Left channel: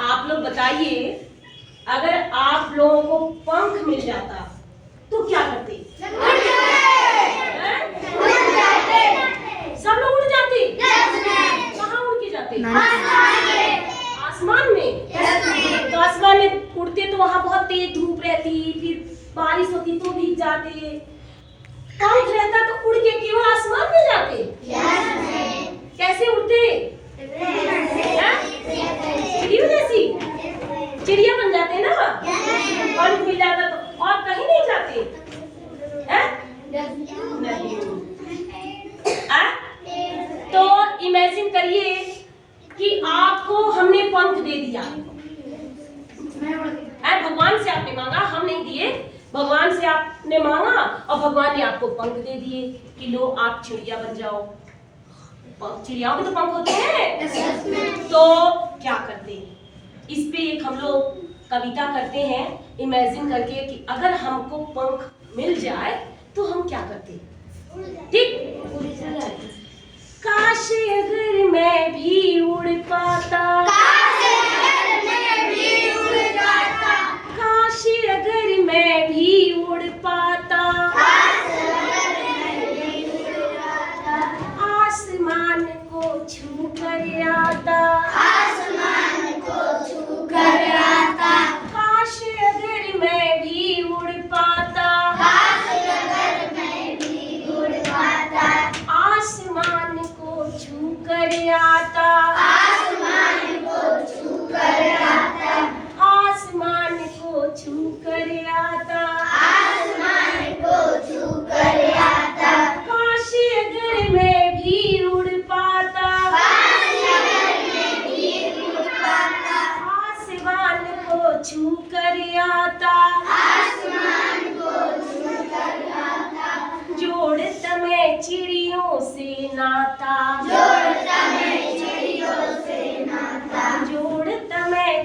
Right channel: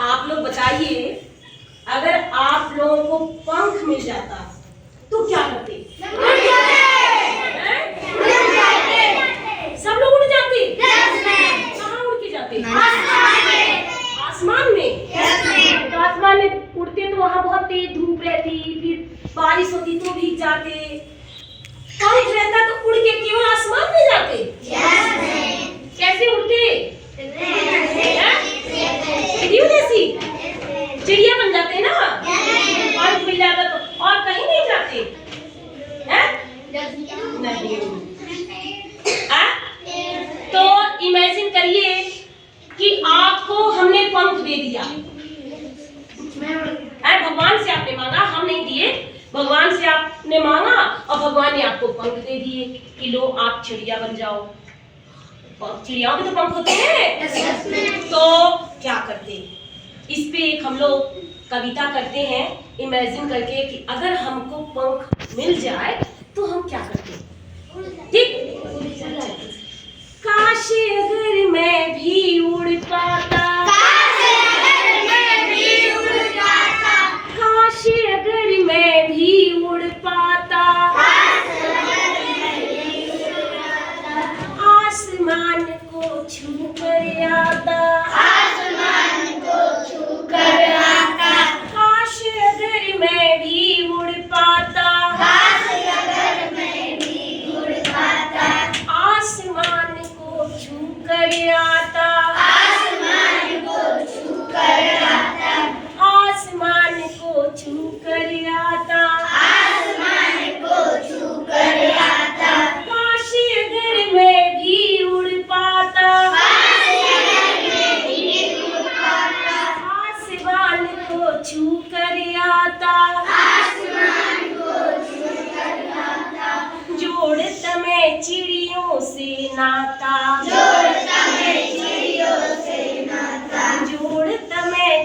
आप लोग बताइए, अगर आप लोगों को पंख मिल जाता तो क्या करते? सब लोग उड़ जाते? कहाँ उड़ के जाते? आसमान में। तो आसमान में उड़ते तो वहाँ बहुत तेज धूप रहती, फिर बारिश होती तो भीग जाते। पंख रहता तो उड़ के केवल आसमान में जाते। कैसे उड़ते? चिड़िया जैसी चिड़िया बन जाते ना। पंख मिल जाता तो और कहीं नहीं जाते हैं? नहीं। तो इमेजिन करिए कि आपको हमने पंख दे दिया। भगवान से आपने मांगा, हम नहीं दिए, भगवान से आपने मांगा और भगवान ने आपको पंख दे दिए कि लो आप चिड़िया बन जाओ। चिड़ियाओं के तो पंख होते हैं। तो क्या करते? इस पे एक हम लोग कविता करते हैं इमेजिन करके कि अगर हमको पंख मिल जाए तो हम क्या करते। ठीक? काश अगर मैं भी उड़ पाता, काश अगर मैं भी उड़ पाता, आसमान को छू कर आता, काश अगर मैं भी उड़ पाता, आसमान को छू कर आता, आसमान को छू कर आता, काश अगर मैं भी उड़ पाता, आसमान को छू कर आता, जोड़ता मैं चिड़ियों से नाता, जोड़ता मैं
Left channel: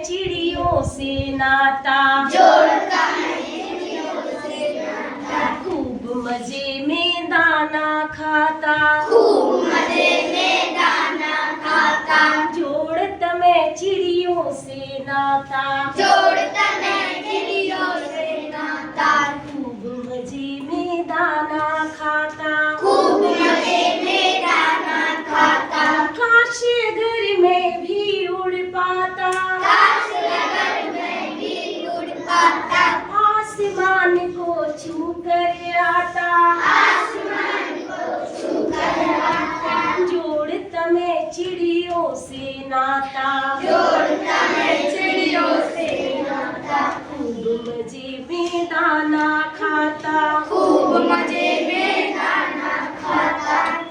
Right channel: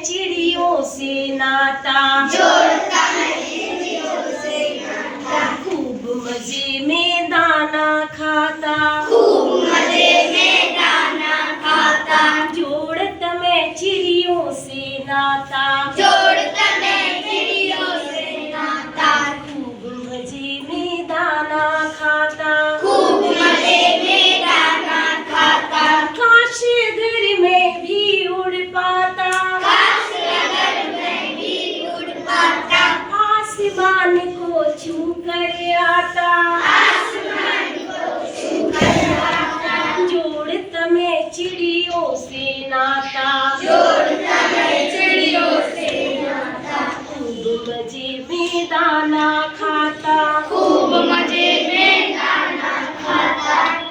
चिड़ियों से नाता, खूब मजे में दाना खाता, जोड़ता मैं चिड़ियों से नाता, खूब मजे में दाना खाता, काश अगर मैं भी उड़ पाता, आसमान को छू कर आता, जोड़ता मैं चिड़ियों से नाता, खूब मजे में दाना खाता,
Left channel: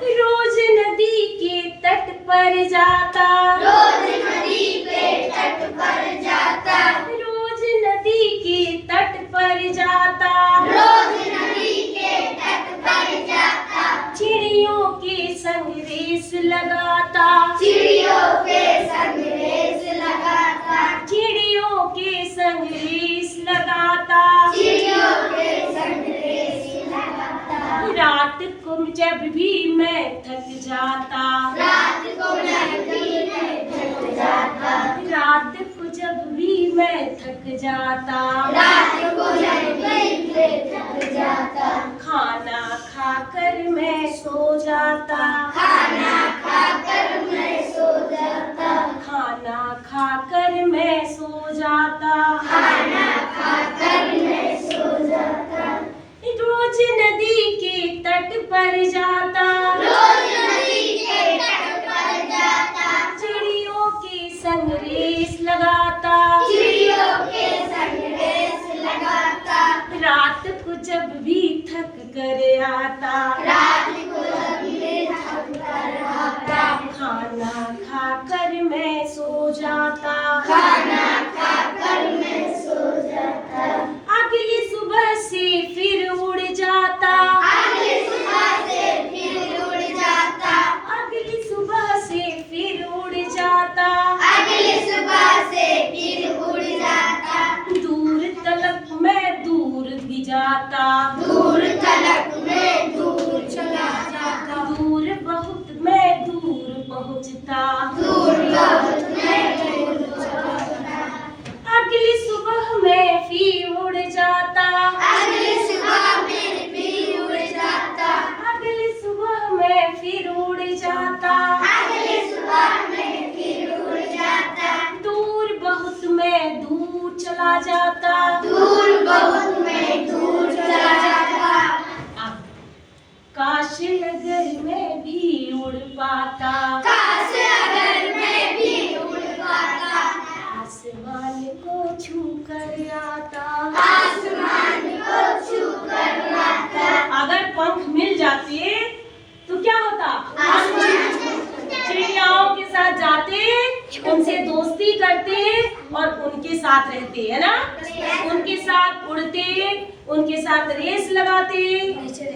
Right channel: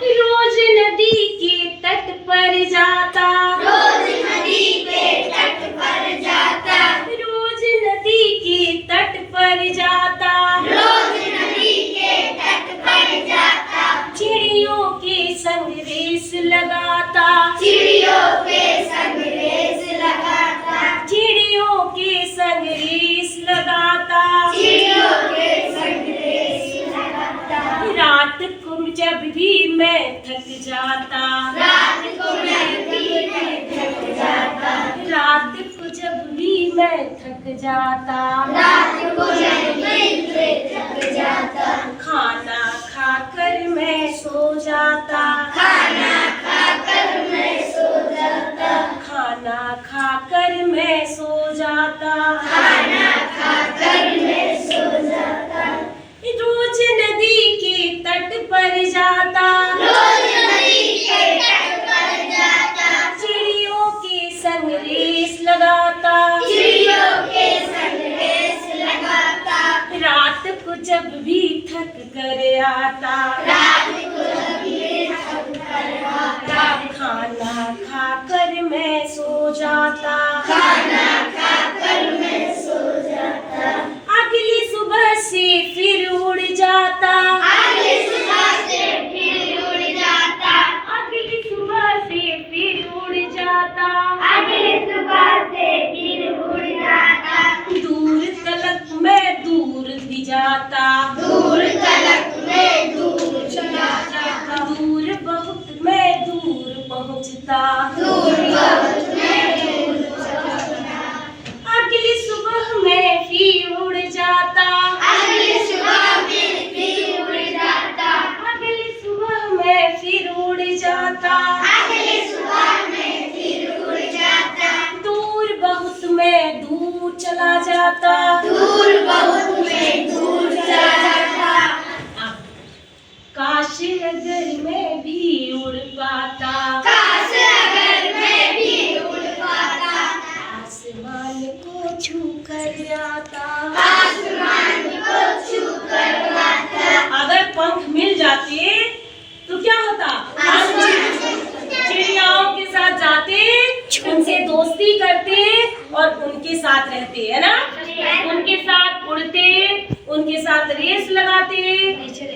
रोज नदी के तट पर जाता, रोज नदी के तट पर जाता, चिड़ियों के संग रेस लगाता, रात को जब भी मैं थक जाता, रात को जब भी मैं थक जाता, खाना खाकर मैं सो जाता, खाना खाकर मैं सो जाता, रोज नदी के तट पर जाता, चिड़ियों के संग रेस लगाता, रात को जब भी थक कर आता, खाना खाकर मैं सो जाता, अगली सुबह से फिर उड़ जाता, दूर तलक मैं दूर भी जाता, दूर बहुत मैं दूर पहुँचता, चला जाता। दूर बहुत में दूर चला जाता। अब काश अगर मैं भी उड़ पाता, काश अगर मैं भी उड़ पाता, आसमान को छू कर आता। आसमान को छू कर आता। अगर पंख मिल जाते तो क्या होता? हम चिड़ियाओं के साथ जाते, उनसे दोस्ती करते और उनके साथ रहते, है ना? उनके साथ उड़ते, उनके साथ रेस लगाते,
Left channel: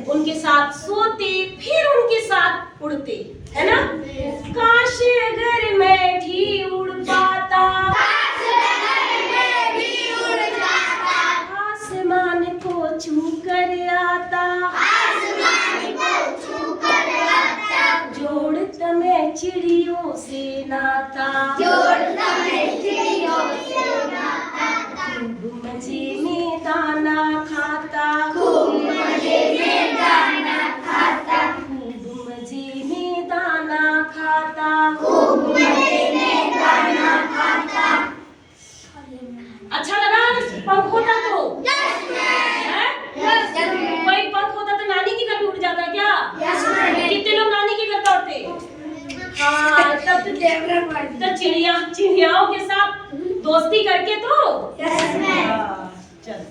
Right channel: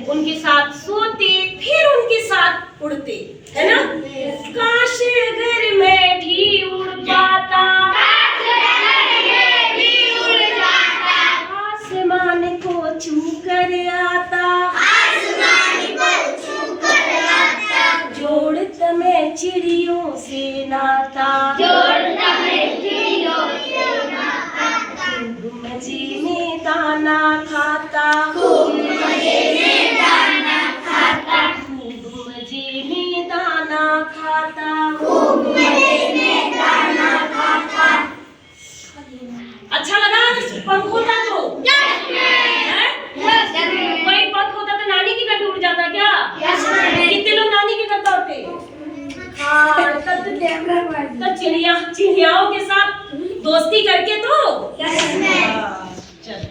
उनके साथ सोते, फिर उनके साथ उड़ते, है ना? काश अगर मैं भी उड़ पाता, काश अगर मैं भी उड़ जाता, आसमान को छू कर आता। आसमान को छू कर आता। जोड़ता मैं चिड़ियों से नाता, जोड़ता मैं चिड़ियों से नाता। खूब मजे में दाना खाता, खूब मजे में दाना खाता। खूब मजे में दाना खाता। खूब मजे में दाना खाता। अच्छा लगा पंख होता तो? हैं? कोई पंख होता तो नानी के घर भी उड़ जाता क्या? कितने लोग नानी के घर दौड़ते? हाँ, तब तो चिड़ियाओं के साथ दोस्ती करके तो। हाँ।